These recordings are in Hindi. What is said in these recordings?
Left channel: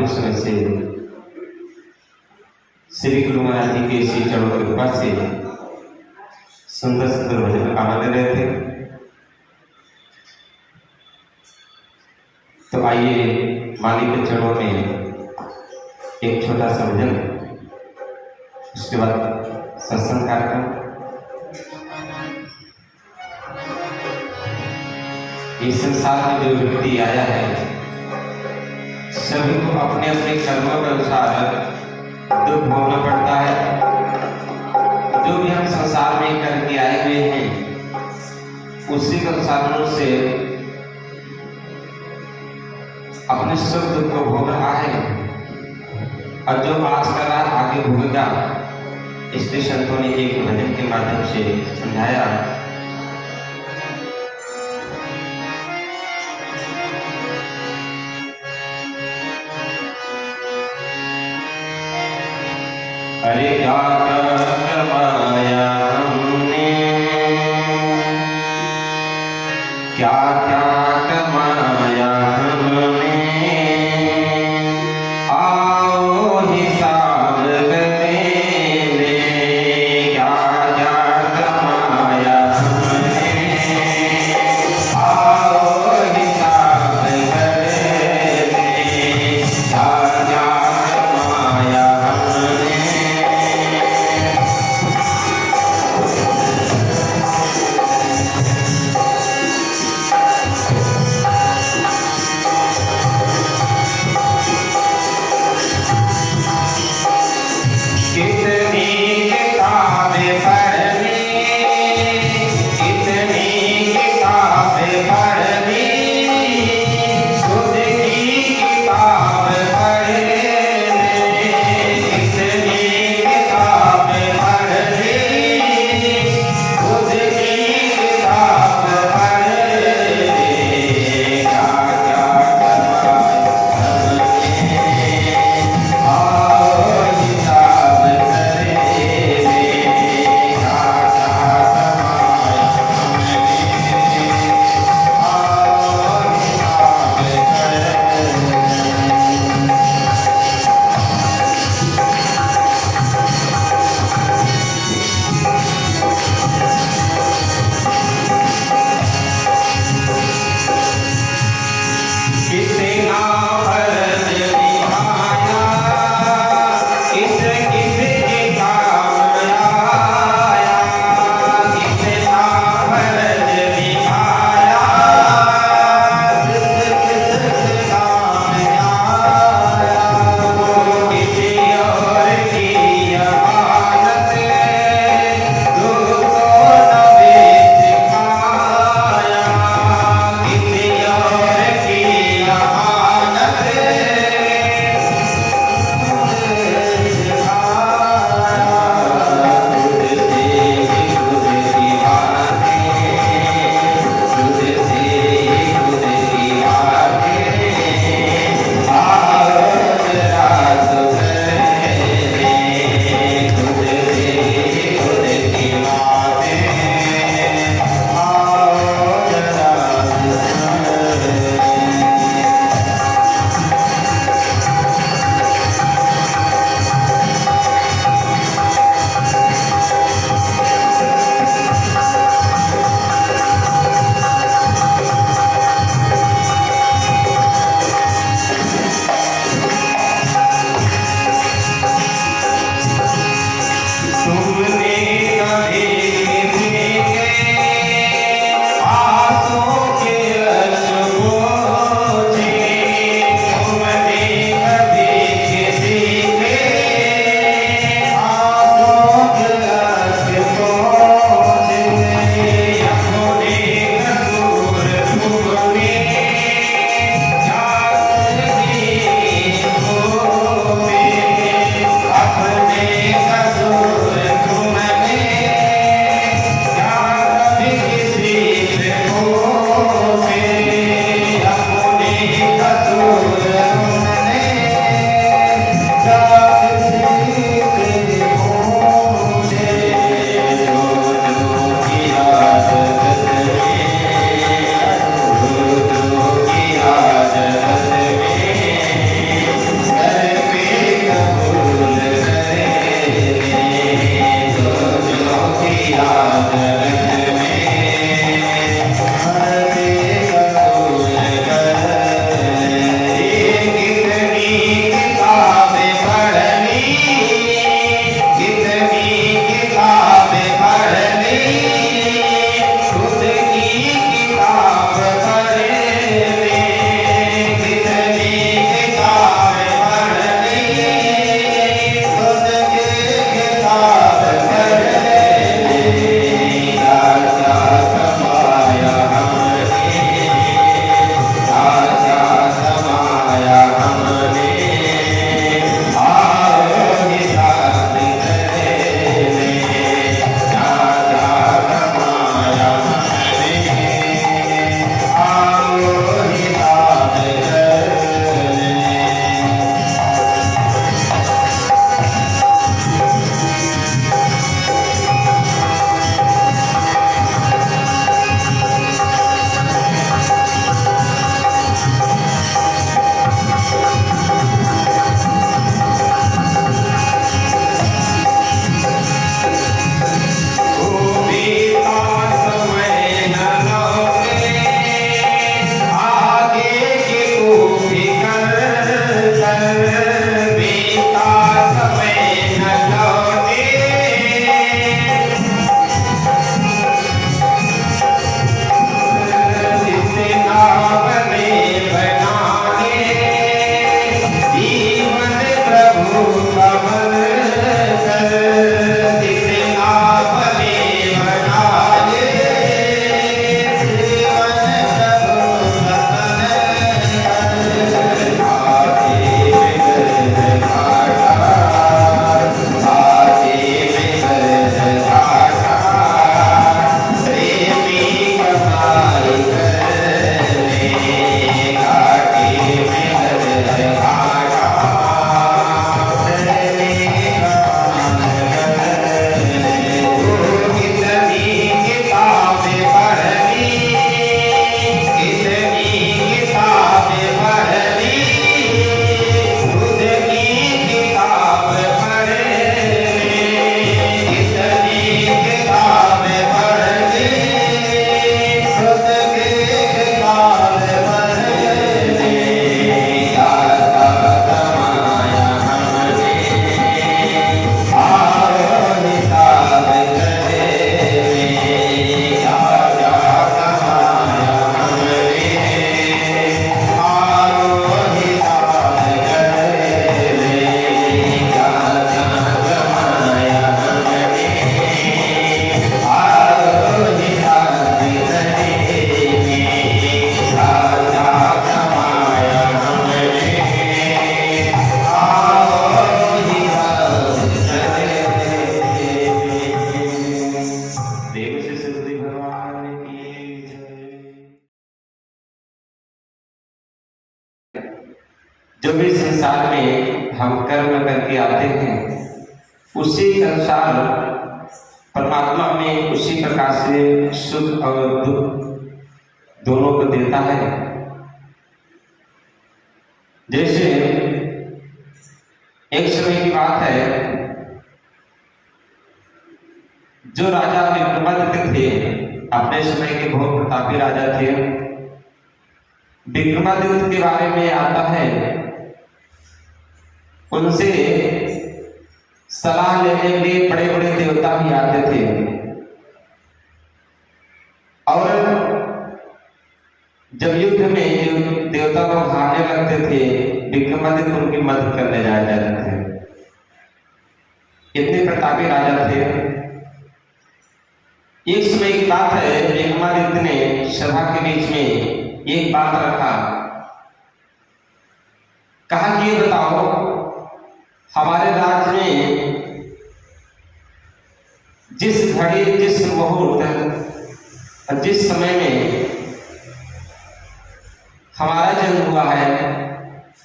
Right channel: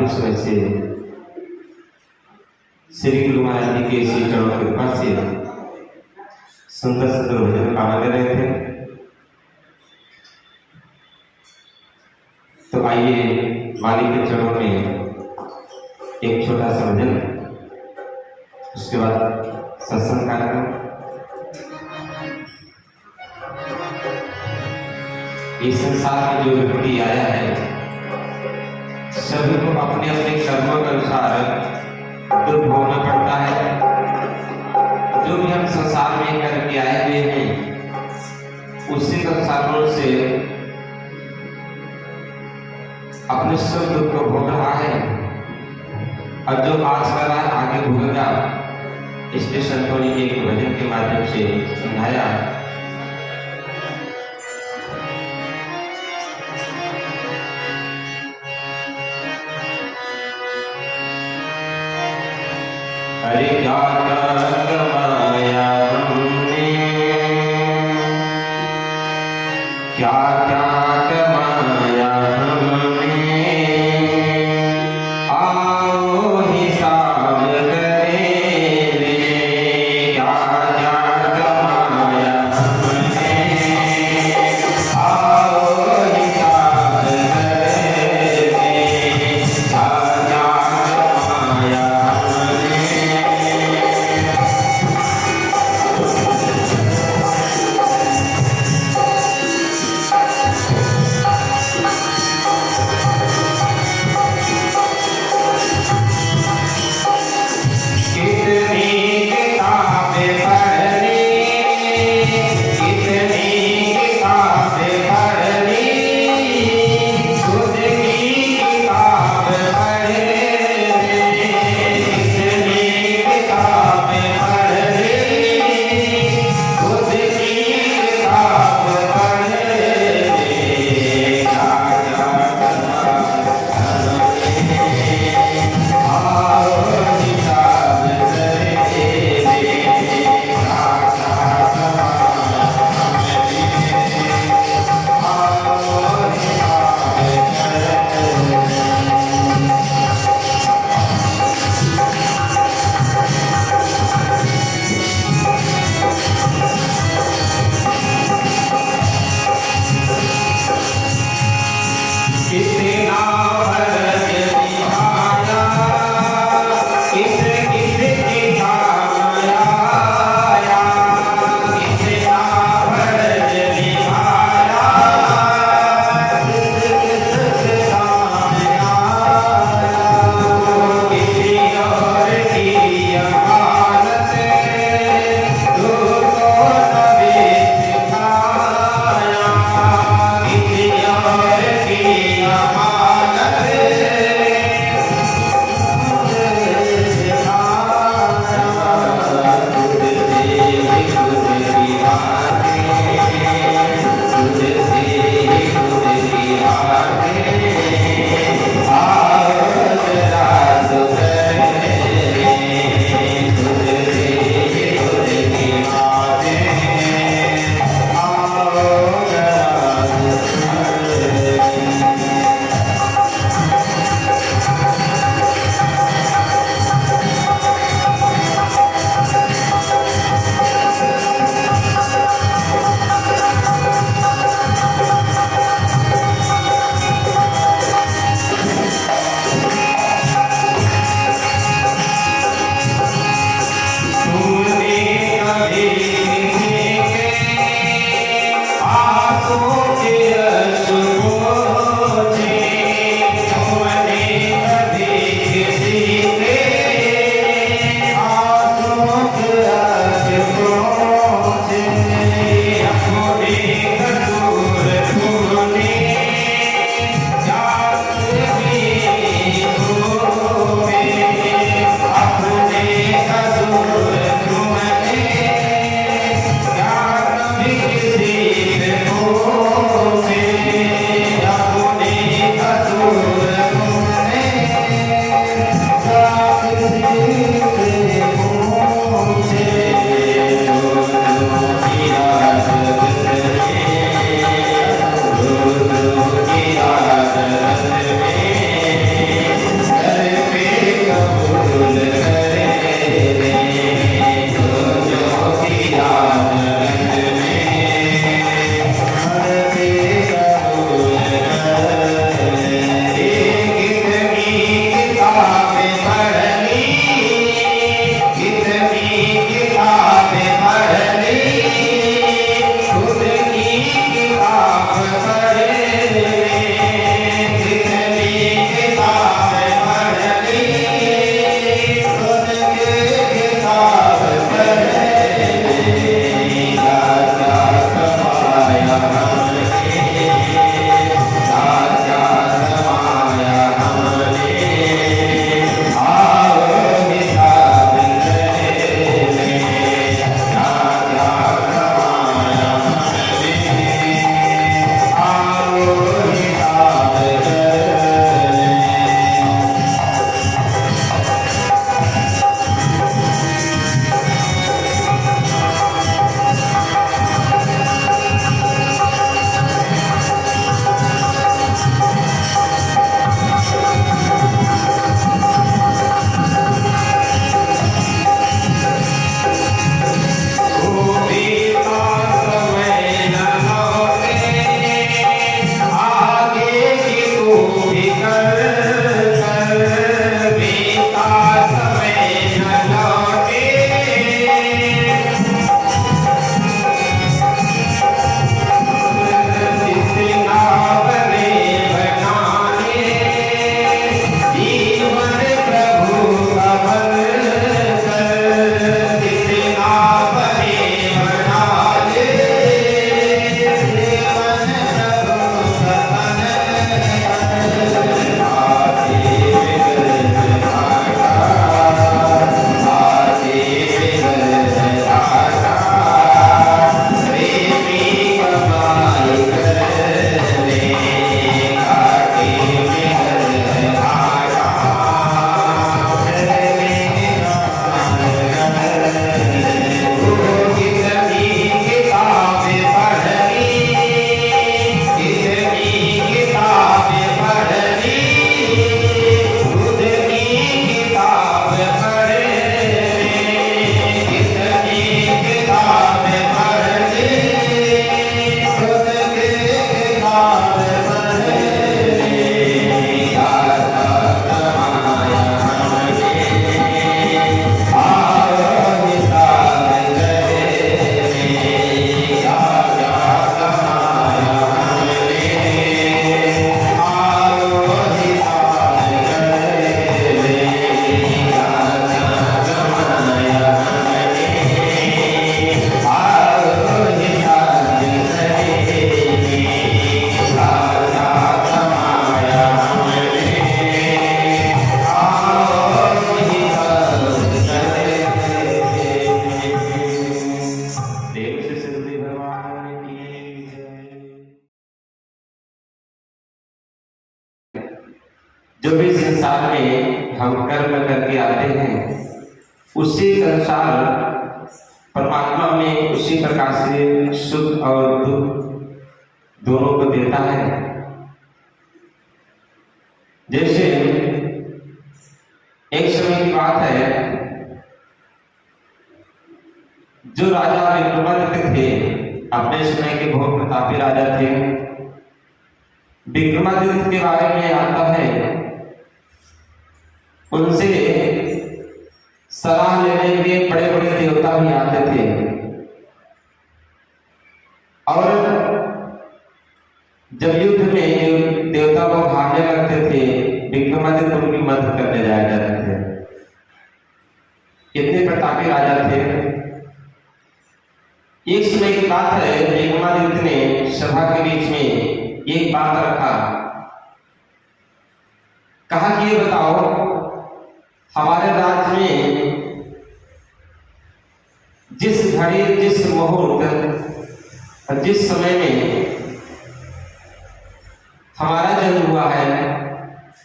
महाबलेश्वर से श्री गुरु महाराज जी के श्री चरण कृपा से सुंदर सुंदर भजन गा ले रहे थे। तो आइए मालिक के चरणों में एक छोटा सा भजन, उसके बाद सत्संग कार्यक्रम। इस संसार में जो व्यक्ति आया है सभी को अपने अपने कर्मों के अनुसार दुख भोगना पड़ता है। जो भी हम संसार में करके आए हुए हैं उसी के अनुसार से अपने सुख दुख को भोग रहा है, और जो पास कर रहा आगे भोगेगा। इसलिए संतों ने एक भजन के माध्यम से समझाया। अरे क्या कमाया हमने, क्या कमाया हमने, आओ हिसाब करें रे। क्या कमाया हमने, आओ हिसाब करें रे। क्या कमाया हमने, जो भी संसार में हम कर्म करके आते हैं उसी के अनुसार परमात्मा में उसी प्रकार से सुख और दुख दोनों को देता है। जैसे एक समय की बात है, जो राजा विक्रमादित्य थे, अपने समय के बहुत प्रतापी राजा थे। विक्रमादित्य के बारे में आता है, उनसे सलाह लेने के लिए बड़े बड़े देवता भी आते थे और जब युद्ध में देवता को हारने लगते थे, विक्रमादित्य उनकी मदद करने जाते थे। इतने प्रतापी राजा थे। एक समय की बात है, विक्रमादित्य ने सभा के बीच में एक बात रखा, कहा कि ये बताओ, हमारे राज्य में जिस घड़ी, जिस मुहूर्त, जिस समय में हमारा जन्म हुआ है,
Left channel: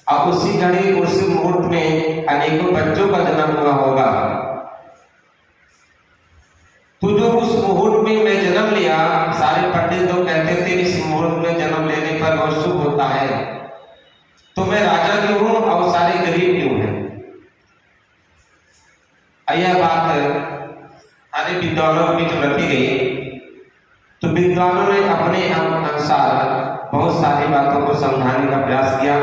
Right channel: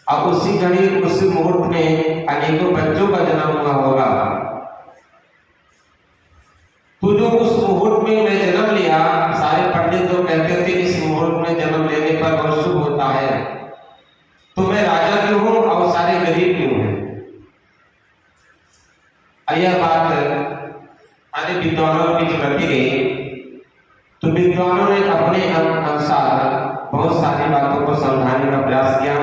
अब उसी घड़ी, उस मुहूर्त में अनेकों बच्चों का जन्म हुआ होगा। तो जो उस मुहूर्त में मैं जन्म लिया, सारे पंडित लोग कहते थे इस मुहूर्त में जन्म लेने पर बहुत शुभ होता है, तो मैं राजा क्यों हूं और सारे गरीब क्यों हैं? यह बात आने विद्वानों की जो रखी गई, तो विद्वानों ने अपने अनुसार बहुत सारी बातों को समझाने का प्रयास किया,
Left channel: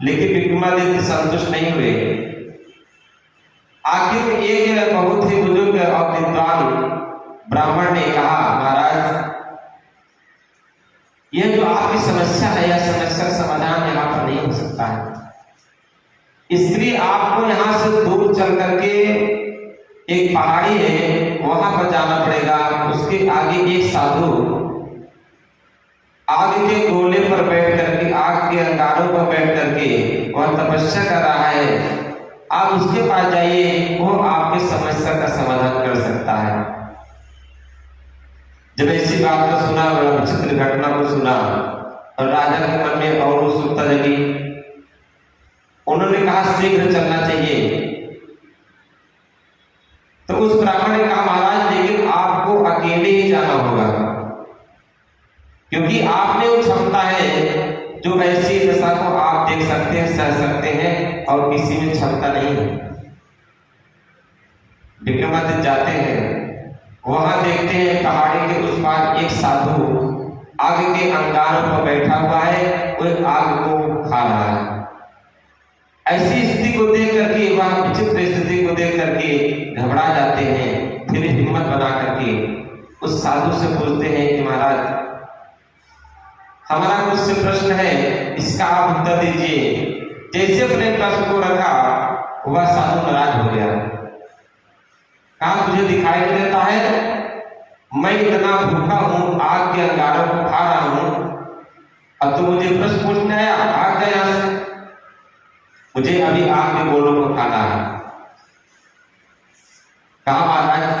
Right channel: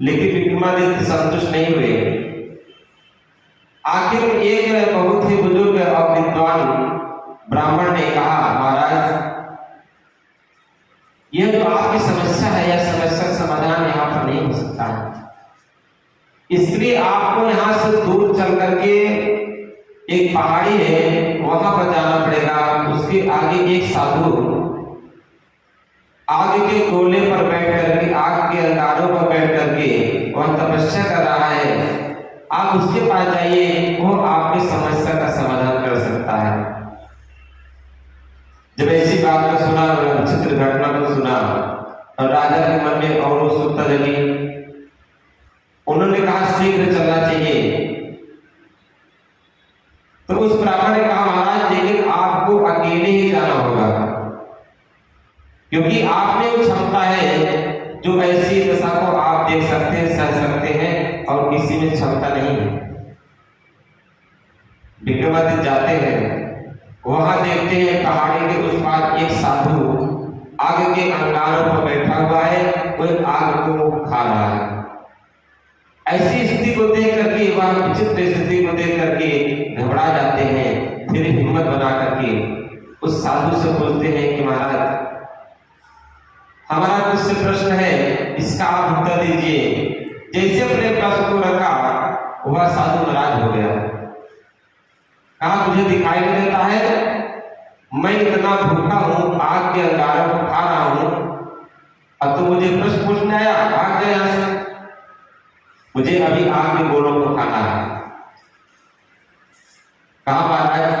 लेकिन विक्रमादित्य संतुष्ट नहीं हुए। आखिर एक बहुत ही बुजुर्ग और विद्वान ब्राह्मण ने कहा, महाराज, यह जो आपकी समस्या है, यह समस्या का समाधान यहाँ पर नहीं हो सकता है। इसलिए आपको यहाँ से दूर चल करके एक पहाड़ी है, वहां पर जाना पड़ेगा। उसके आगे एक साधु आग के गोले पर बैठ करके, आग के अंगारों पर बैठ करके वह तपस्या कर रहा है। आप उसके पास जाइए, वो आपकी समस्या का समाधान कर सकता है। जब ऐसी बात को सुना, विचित्र घटना को सुना, और राजा के मन में और उत्सुकता जगी। उन्होंने कहा शीघ्र चलना चाहिए। तो उस ब्राह्मण ने कहा, महाराज, लेकिन आपको अकेले ही जाना होगा, क्योंकि आप में वो क्षमता है जो ऐसी दशा को आप देख सकते हैं, सह सकते हैं, और किसी में क्षमता नहीं है। विक्रमादित्य जाते हैं, वहां देखते हैं पहाड़ी के उस पार एक साधु आग के अंगारों पर बैठा हुआ है, वो आग को खा रहा है। ऐसी स्थिति को देख करके, वह विचित्र स्थिति को देख करके घबरा जाते हैं। फिर हिम्मत बना करके उस साधु से पूछते हैं कि महाराज, हमारा मुझसे प्रश्न है, इसका आप उत्तर दीजिए। जैसे अपने प्रश्न को रखा, वह साधु नाराज हो गया। कहा, तुझे दिखाई नहीं देता है मैं इतना भूखा हूं, आग के अंगारों को खा रहा हूं, अब तो मुझे प्रश्न पूछना है? भाग गया, मुझे अभी आग के गोलों को खाना है। कहा, महाराज,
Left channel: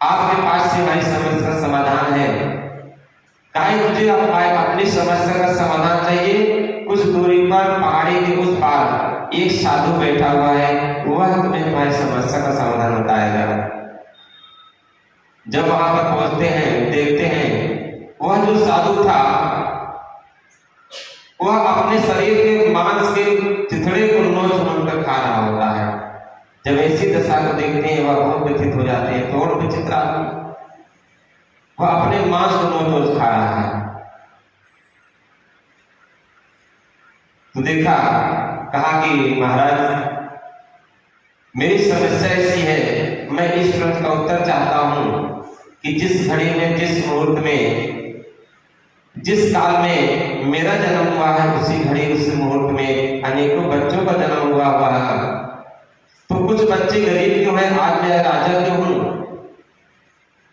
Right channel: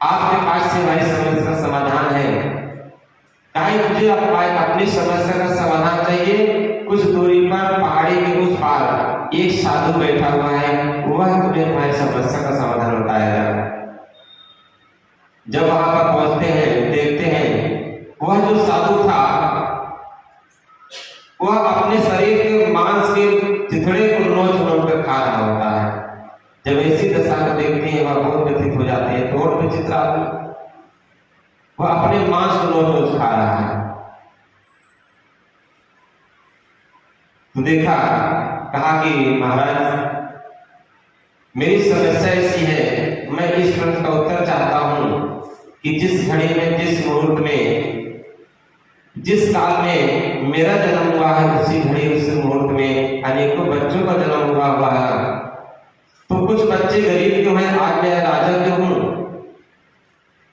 आपके पास से हमारी समस्या का समाधान है। कहा, मुझे अपनी समस्या का समाधान चाहिए। कुछ दूरी पर पहाड़ी के उस पार एक साधु बैठा हुआ है, वह तुम्हें तुम्हारी समस्या का समाधान बताएगा। जब वहां पर पहुंचते हैं, देखते हैं वह जो साधु था, वह अपने शरीर के मांस के चिथड़े को नोच कर खा रहा होता है। जब ऐसी दशा को देखते हैं, वह बहुत व्यथित हो जाते हैं। तो और विचित्र आदमी, वह अपने मांस को नोच खा रहा है। तो देखा, कहा कि महाराज, मेरी समस्या ऐसी है, मैं इस प्रश्न का उत्तर चाहता हूं कि जिस घड़ी में, जिस मुहूर्त में, जिस काल में मेरा जन्म हुआ है, उसी घड़ी, उस मुहूर्त में अनेकों बच्चों का जन्म हुआ है। तो कुछ बच्चे गरीब क्यों हैं? आज मैं राजा क्यों हूं?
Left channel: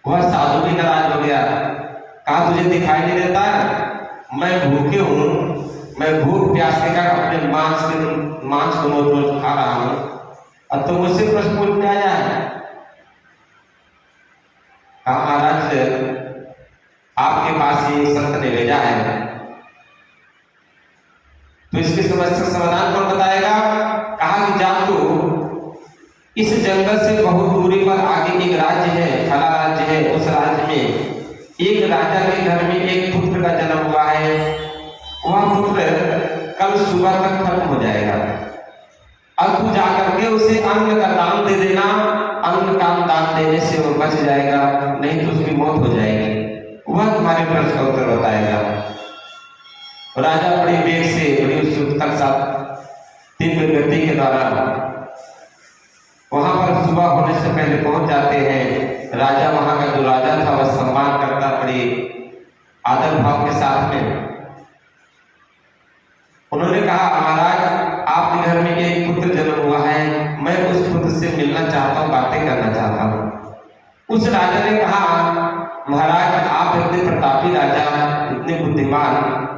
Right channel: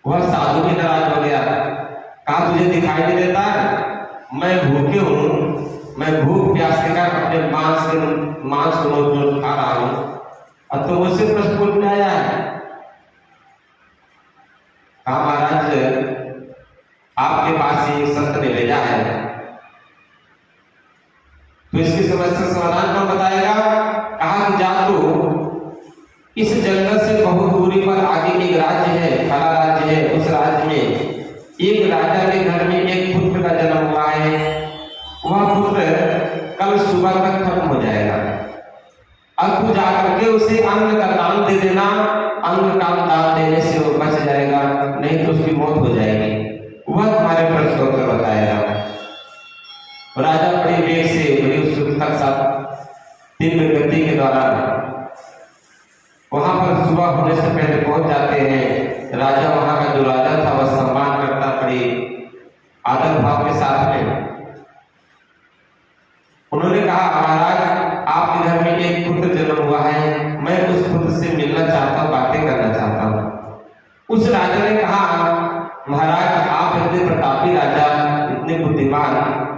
वह साधु भी नाराज हो गया। कहा, तुझे दिखाई नहीं देता? मैं भूखे हूं, मैं भूख प्यास के कारण अपने मांस को रोज खा रहा हूं, अब तो मुझसे प्रश्न पूछने आया है। कहा, महाराज, आपके पास ये संत ने भेजा है, तो इसकी समस्या समाधान कौन बताएगा? कहा कि जा तो इस जंगल से बहुत दूरी पर आगे एक राज्य है, खड़ा राज्य है। उस राज्य में एक राजा के घर में एक पुत्र का जन्म हुआ है। वह पुत्र कल सुबह तक खत्म हो जाएगा। अब तू जाकर के उसे अन्न का दान दे देना। अन्न का दान देने से वो बच जाएगा, नहीं तो उसकी मौत हो जाएगी। वह तुम्हारे प्रश्न का उत्तर बताएगा। राजा बड़े वेग से, बड़ी उत्सुकता के साथ तीव्र गति के द्वारा वहां पर सुबह होने से पहले पहुंच जाते हैं। राजा वहां का जो राजा था वह सम्मान करता, बड़े आदर भाव के साथ में उन्होंने कहा, महाराज आपके घर में एक पुत्र जन्म हुआ है, मैं उस पुत्र से मिलना चाहता हूँ, बातें करना चाहता हूँ। उस राजा ने कहा, महाराज आप इतने प्रतापी राजा, इतने बुद्धिमान,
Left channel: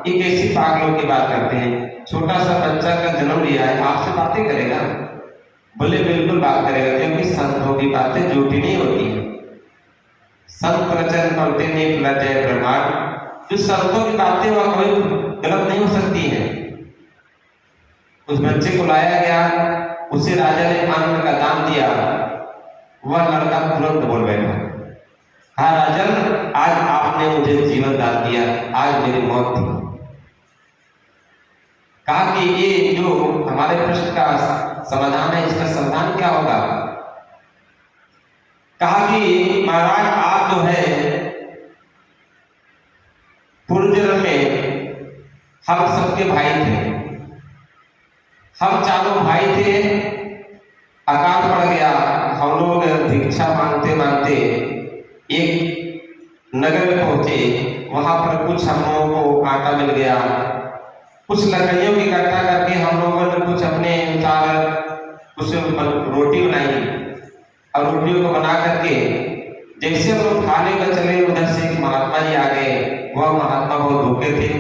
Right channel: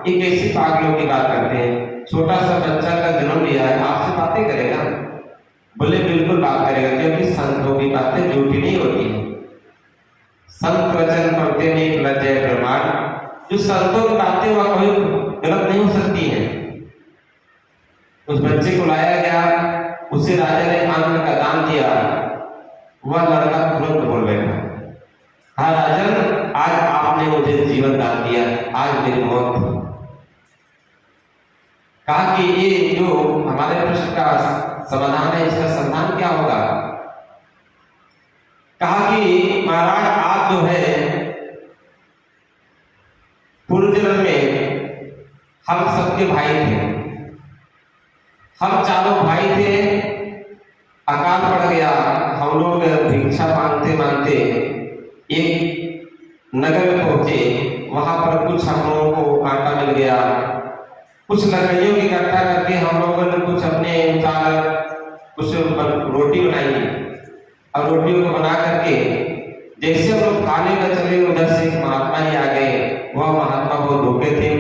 एक ऐसी पागलों की बात करते हैं। छोटा सा बच्चा का जन्म लिया है, आपसे बातें करेगा? बोले बिल्कुल बात करेगा, क्योंकि संतों की बातें झूठी नहीं होती। संत वचन पढ़ते नहीं लज्जय प्रमाण। जो संतों की बातें वह कोई गलत नहीं हो सकती है। उस बच्चे को लाया गया, उसे राजा ने अन्न का दान दिया। वह लड़का तुरंत बोल बैठा, हाँ राजन, आज आपने मुझे जीवन दान दिया, आज मेरी मौत थी। कहा कि ये जो हमारे प्रश्न का समाधान है, इसका समाधान क्या होगा? कहा कि महाराज आप जो है पूर्व जन्म में हम सबके भाई थे। हम चारों भाई थे, अकाल पड़ गया। हम लोग भिक्षा मांगते मांगते एक नगर में पहुंचे। वहां पर कुछ हम लोगों को आटा मिल गया, कुछ लकड़ियों की इकट्ठा करके हम लोगों ने कुछ अपने अनुसार कुछ रोटी बनाई। और रोटियों को बना करके जैसे हम लोग खाने का चले, उधर से एक महात्मा ही आ गए। वह महात्मा बहुत भूखे थे।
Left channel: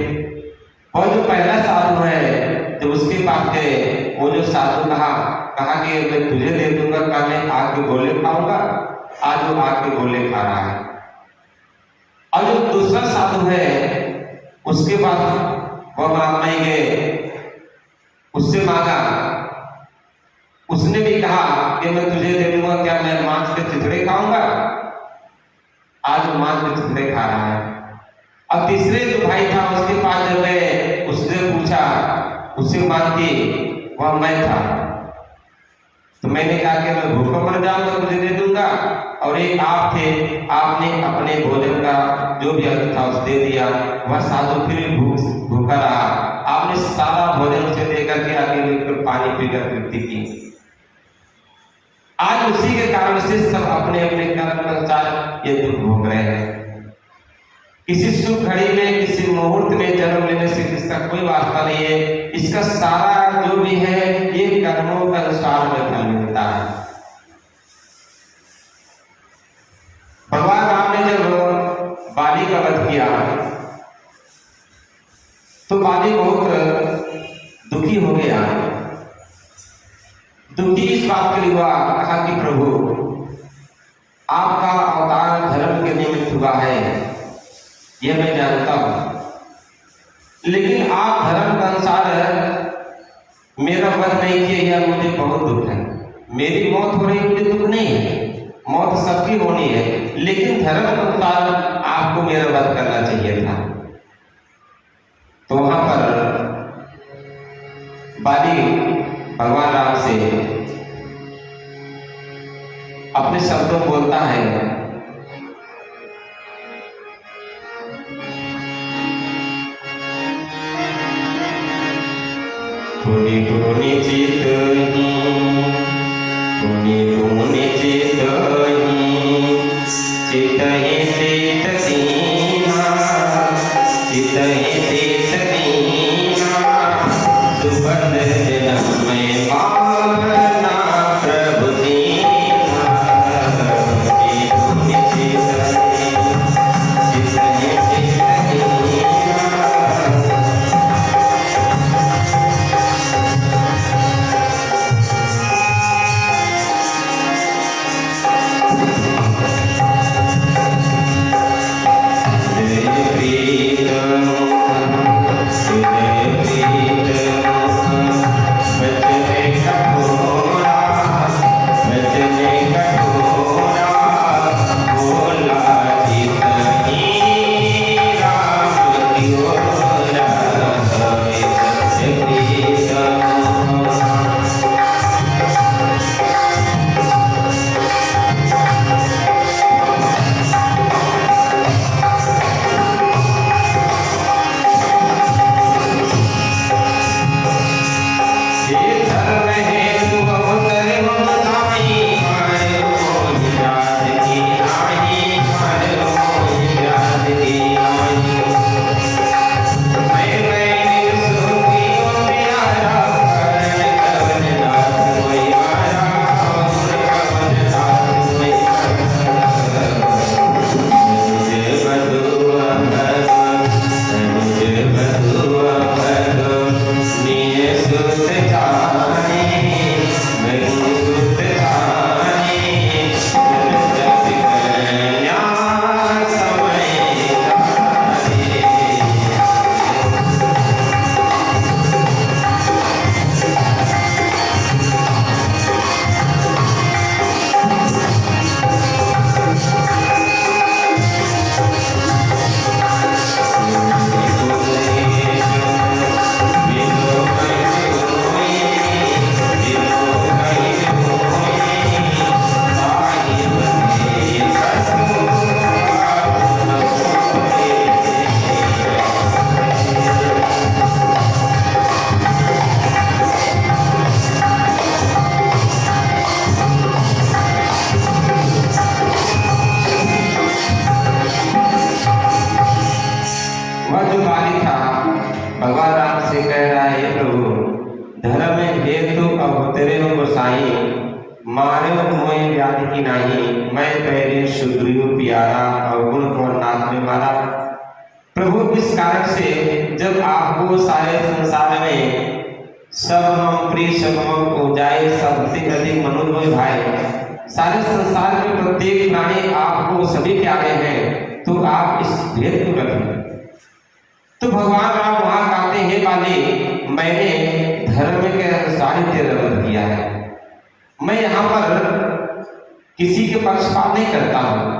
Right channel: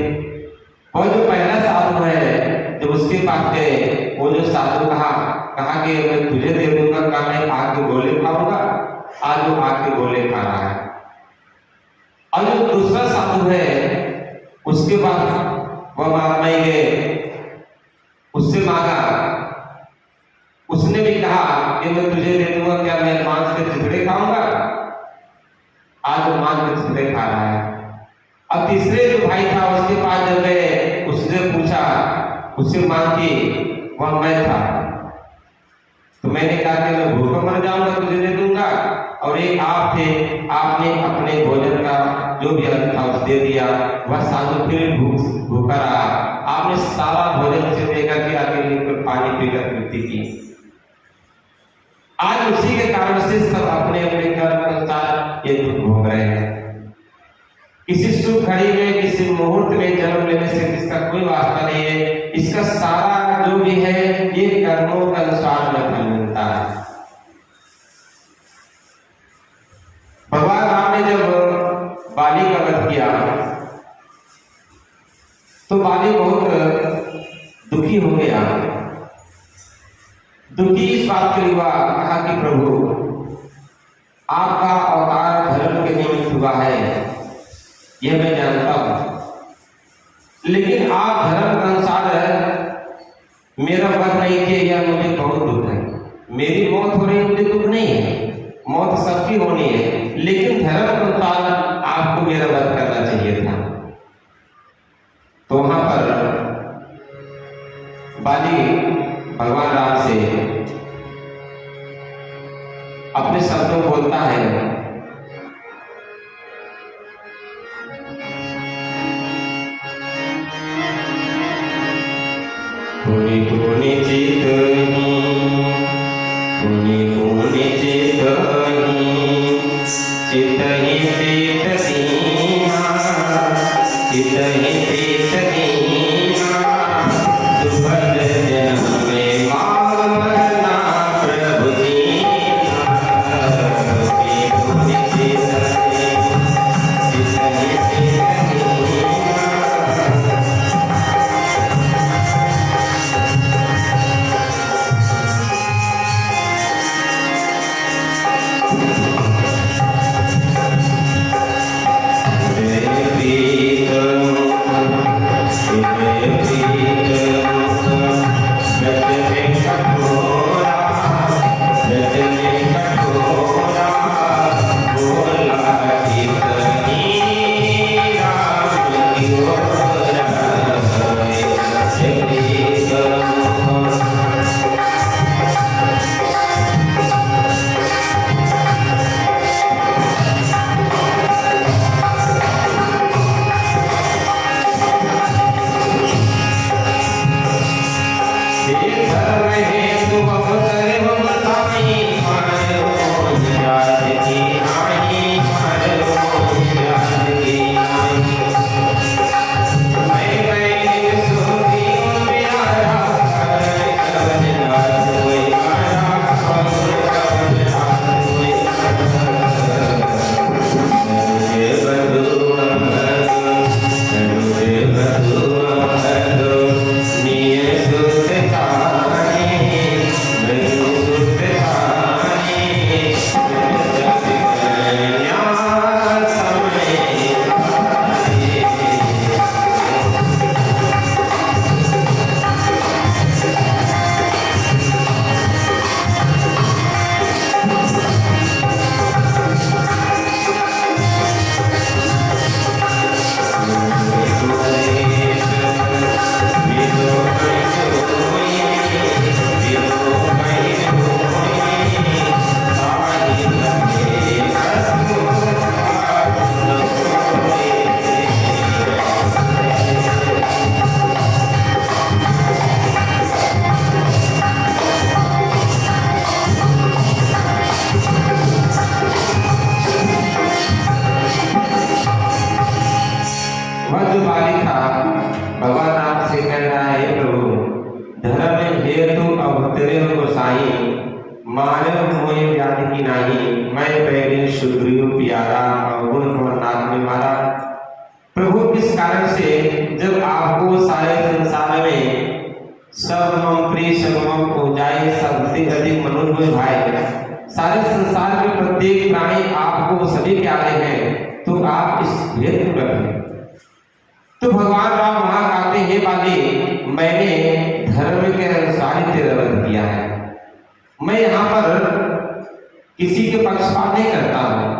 और जो पहला साधु है, जब उसके पास गए, वो जो साधु कहा कि मैं तुझे दे दूंगा, क्या मैं आग के गोले खाऊंगा? आज वो आग के गोले खा रहा है। और जो दूसरा साधु है, उसके पास वह महात्मा ही गए, उससे मांगा। उसने भी कहा कि मैं तुझे दे दूंगा, क्या मैं मांस के चिथड़े खाऊंगा? आज वो मांस के चिथड़े खा रहा है। अब तीसरे जो भाई था, उसके पास जब गए, उसने पूछा, उससे मांगी, वह मैं था। तो मैंने कहा कि मैं भूखा मर जाऊंगा, तुझे दे दूंगा। और एक आप थे, आपने अपने भोजन का जो भी अंत था उसे दे दिया। वह साधु फिर भूखा रहा। आपने सारा भोजन उसे देकर के आगे पानी पीकर मृत्यु की। आज उसी के कारण से सब अपने अपने कर्म के अनुसार ये दुख भोग रहे हैं। किसी शुभ घड़ी में, किसी मुहूर्त में जन्म लेने से इसका कोई वास्ता नहीं है। इसका सारा जो भी है ये कर्मों के अनुसार में फल मिलता है। भगवान राम ने जब बाली का वध किया तो बाली बहुत दुखी हो गया। दुखी इस बात के लिए हुआ, कहा कि प्रभु आपका अवतार धर्म के निमित्त हुआ है, यह मैं जानता हूं, लेकिन आप धर्म के अनुसार मेरा वध नहीं किया, यह मुझे बहुत दुख है। मेरी मौत हो रही मुझे दुख नहीं है, मौत सबकी होनी है, लेकिन धर्म के अनुसार आपको मेरा वध करना चाहिए था। तो वहां पर बाली भगवान राम से अपने शब्दों बोलता है, पुनि पुनि चितहि, पुनि पुनि चितहि, चितहि चित दीना, चितहि चित दीना, सुभद्र जन्म में मारना प्रभु दीना। पुनि चितहि, चितहि चित दीना। Devi से कह रहा है, प्रभु धर्म हेतु अवतरे गोसाई, मानव मोह व्याधि की नाही, मैं पैरे सुग्रीव प्यारा अवगुण को नाथ में मारा। प्रभु किस कारण से, जब आपको सारे संसार में सब मम प्रिय सब मम पूजाए सबसे अधिक मनुष्य भाई, सारे संसार में प्रत्येक प्राणी आपको सभी प्यारे हैं, तो आप इस भेद को रखें। तो भगवान राम वहां कहते हैं, वाले मैंने धर्म के अनुसार तेरा वध किया है, मैं यहाँ पर किसी के पक्षपात नहीं करता हूँ।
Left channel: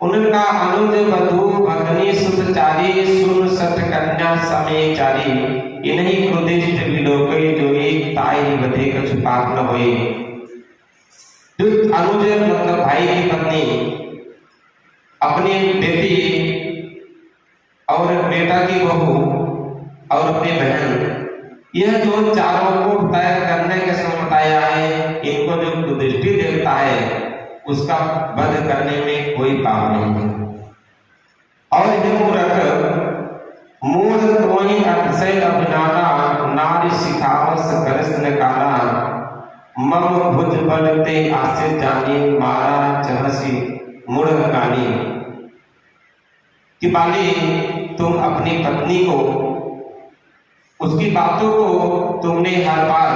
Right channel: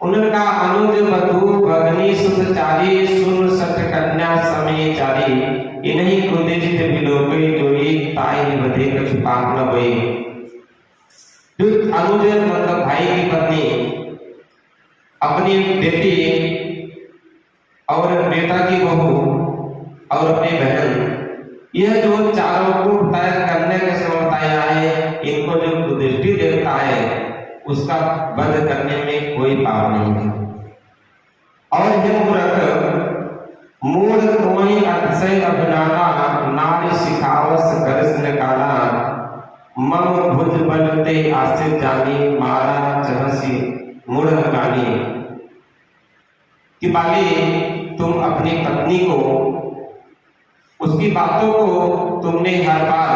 उन्होंने कहा, अनुज वधु भगनी सुतचारी सुन सत कन्या समेचारी, इन्हीं कुदिष्ट विलोके जोई ताई बधे कछु पाप न होए। जो अनुज मतलब भाई की पत्नी अपनी बेटी और बेटा की बहू और अपनी बहन, यह जो चारों को तय करने के समय बताया है, इनको जो कुदृष्टि देवता है उसका वध करने में कोई पाप नहीं है। और ये मूढ़ कोई अतिशय अभिनाना, नारी सिखावस कृष्ण काला, मम भुज बलते आसे जानी, मारा चहसी मूढ़ कानी। कि बाली तुम अपनी पत्नी को, उसकी बातों को तुमने हर बार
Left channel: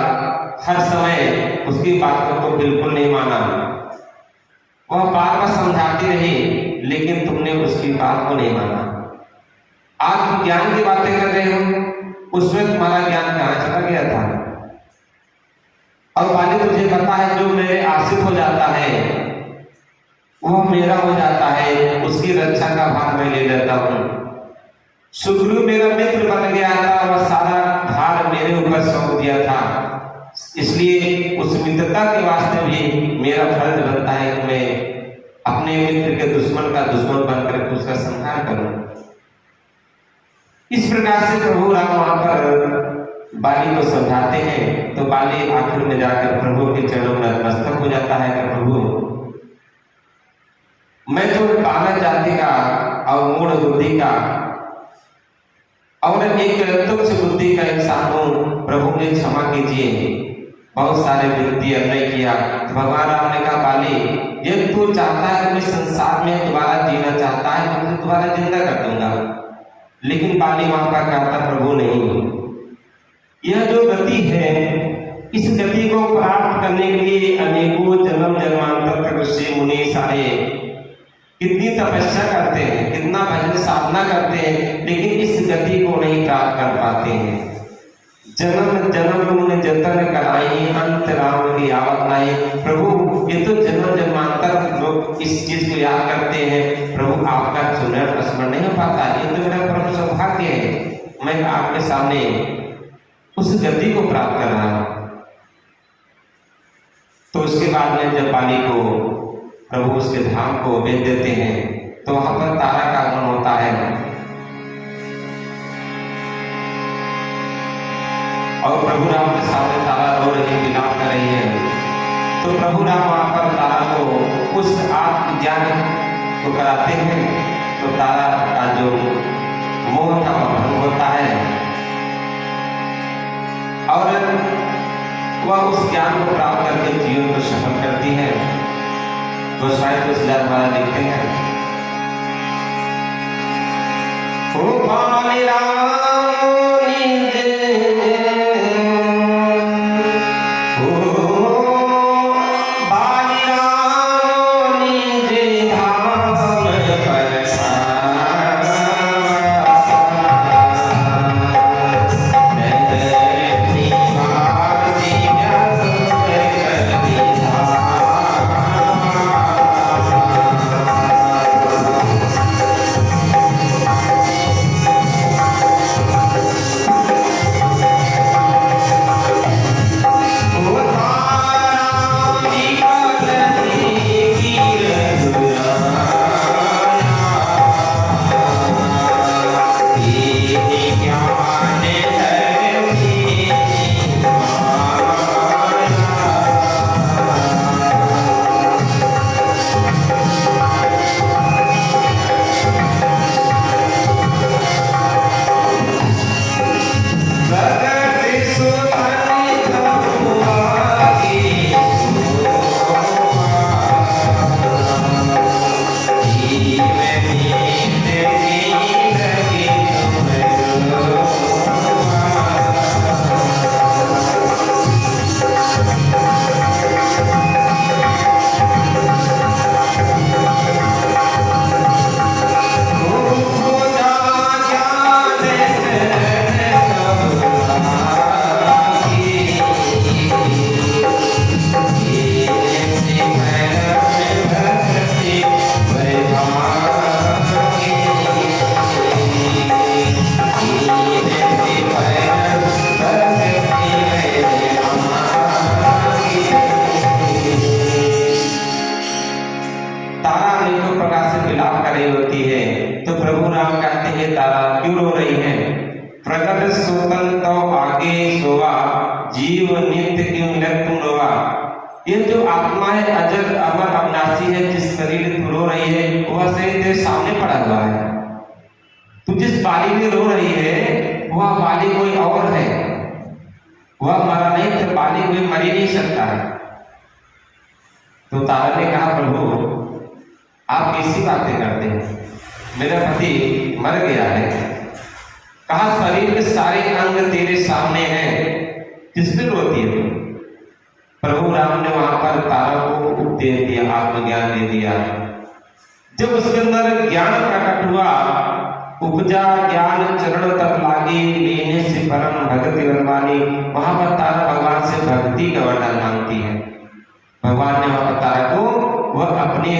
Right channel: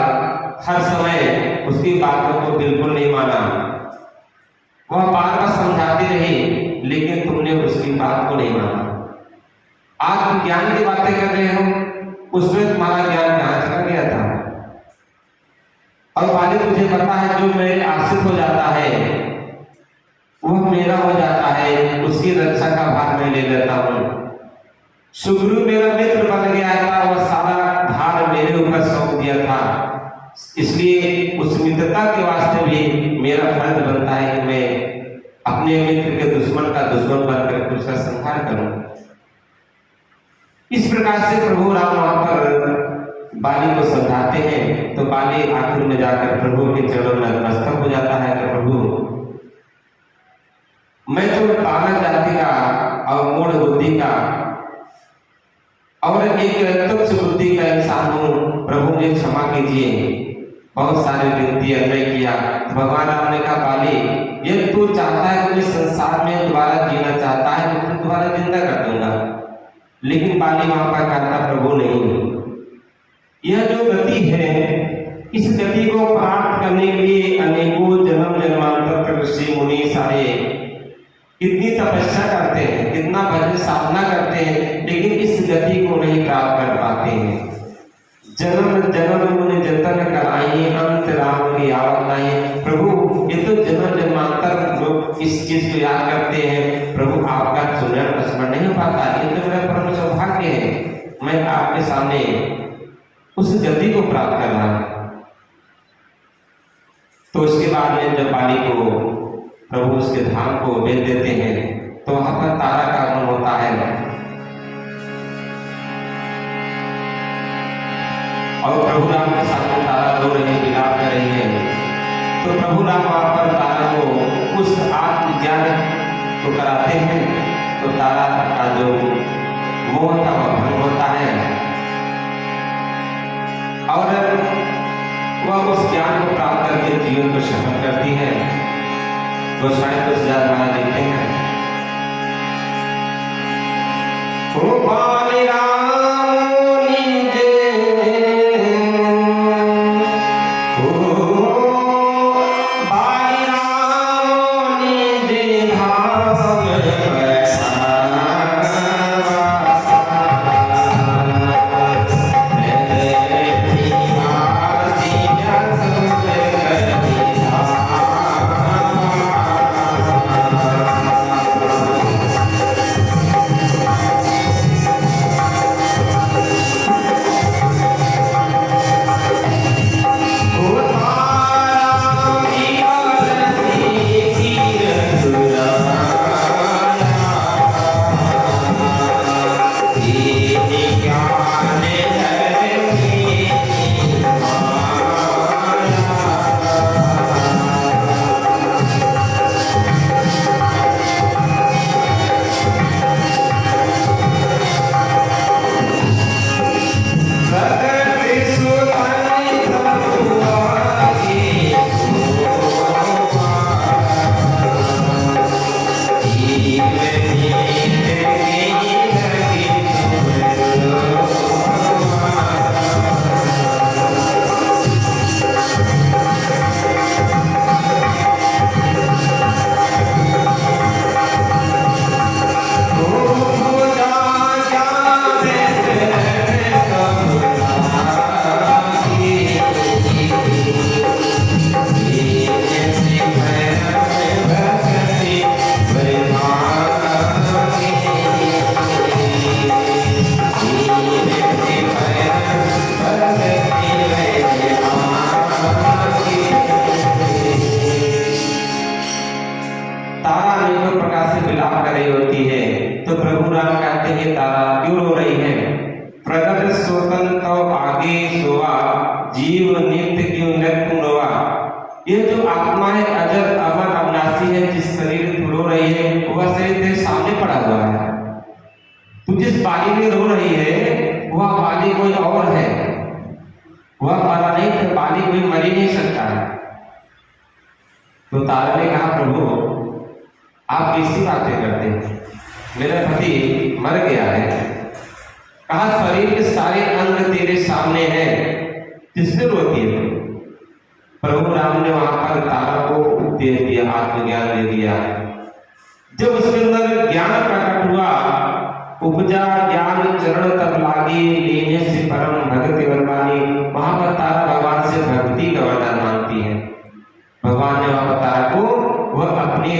हर समय उसकी बातों को बिल्कुल नहीं माना। वह बार बार समझाती रही, लेकिन तुमने उसकी बात को नहीं माना। आप ज्ञान की बातें कर रहे हो, उसमें तुम्हारा ज्ञान कहाँ चला गया था? और वाली तुझे पता है, जो मेरे आश्रित हो जाता है वह मेरा हो जाता है, उसकी रक्षा का भार मैं ले लेता हूँ। सुग्रीव मेरा मित्र बन गया था, वह सारा भार मेरे ऊपर सौंप दिया था, इसलिए उस मित्रता के वास्ते भी मेरा फर्ज बनता है कि मैं अपने मित्र के दुश्मन का दुश्मन बनकर उसका संहार करूं। इस प्रकार से प्रभु राम वहां पर बाली को समझाते हैं, तो बाली आखिर में जाकर प्रभु के चरणों में नतमस्तक हो जाता है कि प्रभु मैं तो बाला जाति का और मूढ़ बुद्धि का और एक तुच्छ बुद्धि का इंसान हूँ, प्रभु ने क्षमा कीजिए, बहुत सारे विनती अन्याय किया। भगवान राम ने कहा, बाली यदि तू चाहता है, इस संसार में दोबारा जीना चाहता है, तो तुझे दोबारा जिंदा कर दूंगा। लेकिन बाली वहां पर कहता, प्रभु नहीं, यह जो गति है, इस गति को प्राप्त करने के लिए अनेकों जन्म जन्मांतर तक ऋषि मुनि सारे कितनी तपस्या करते हैं, कितना भजन साधना करते हैं, लेकिन इस गति को नहीं प्राप्त कर पाते हैं। जन्म जन्म उन्होंने जतन कराई, अंत राम की याद नहीं। प्रभु ये तो जन्म जन्मांतर लोग इस चीज को याद करते हैं, प्रभु आपका सुनर स्मरण नहीं हो पाता। ये तो मेरा परम सौभाग्य है, मैं आपके सामने उस गति को प्राप्त कर रहा हूं। तो उसके बाद में जब बाली को प्रभु उसके धाम को भेज देते हैं, तो वहां पर तारा का आगमन होता है और प्रभु राम के सामने तारा रो रही, विलाप कर रही है। तो प्रभु राम वहां पर तारा को उस आत्मज्ञान को कराते हैं, तो तारा का जो मोह का भंग होता है और वह उस ज्ञान को प्राप्त करके जीवन को सफल करती है। तो शायद 10,000 बार लिखते हैं, ओ बाली राम जीव नित्य क्यों लग तुम रोआ। ये जो आत्मा है अजर अमर अविनाशी है, जिस शरीर में रो रही है वह शरीर तेरे सामने पड़ा हुआ है। तू जिस बाली में रो रही है वह बाली कोई और है, वह मरा नहीं, तो बाली कोई मर ही नहीं सकता है। तो तारा ने कहा प्रभु आप किसी बातें करते हैं, मेरा पति मर गया है। कहा शरीर के सारे अंग तेरे सामने हैं, किसने रोती है। प्रभु राम ने वहां पर तारा को उपदेश दिया, आत्मज्ञान दे दिया। जब उसके अंदर ज्ञान प्रकट हुआ, उपजा ज्ञान चरण तब लागी, लेने से परम भगति वर्मानी। वहां पर तारा भगवान से भक्ति का वर्णन मांगती है। भगवान ने वहां तारा को वह अपनी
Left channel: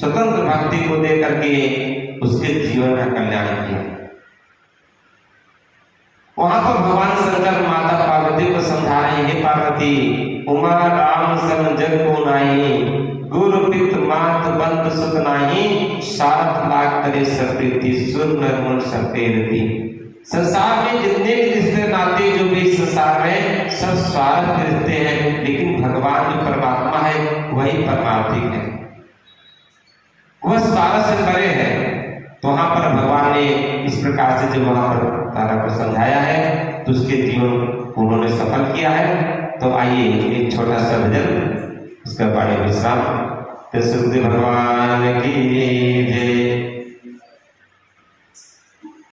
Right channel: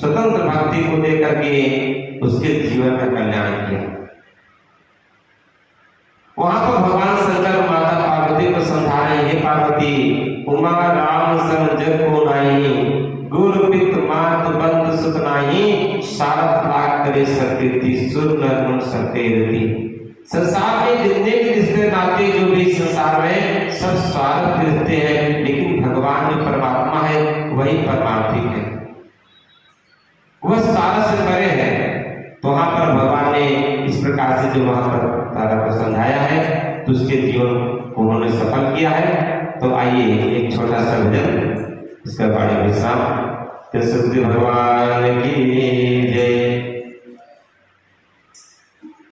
स्वतंत्र भक्ति को देकर के उसके जीवन का कल्याण किया। वहां पर भगवान शंकर माता पार्वती को समझा रहे, हे पार्वती उमा राम सम जग को नाही, गुरु पित मात बंद सुख नाही, सात लाख करे सप्रीति सुर नर सपेरती। संसार में जितने भी रिश्ते नाते जो भी संसार में सब स्वार्थ रिश्ते हैं, लेकिन भगवान जो परमात्मा है वही परमार्थिक है, वह सारा से परे है। तो वहां पर भगवान ने इस प्रकार से जो वहां पर तारा को समझाया है तो उसके जीवन को उन्होंने सफल किया है। तो आइए एक छोटा सा भजन, उसका बाद विश्राम। तो सुखदेव भगवान की जय।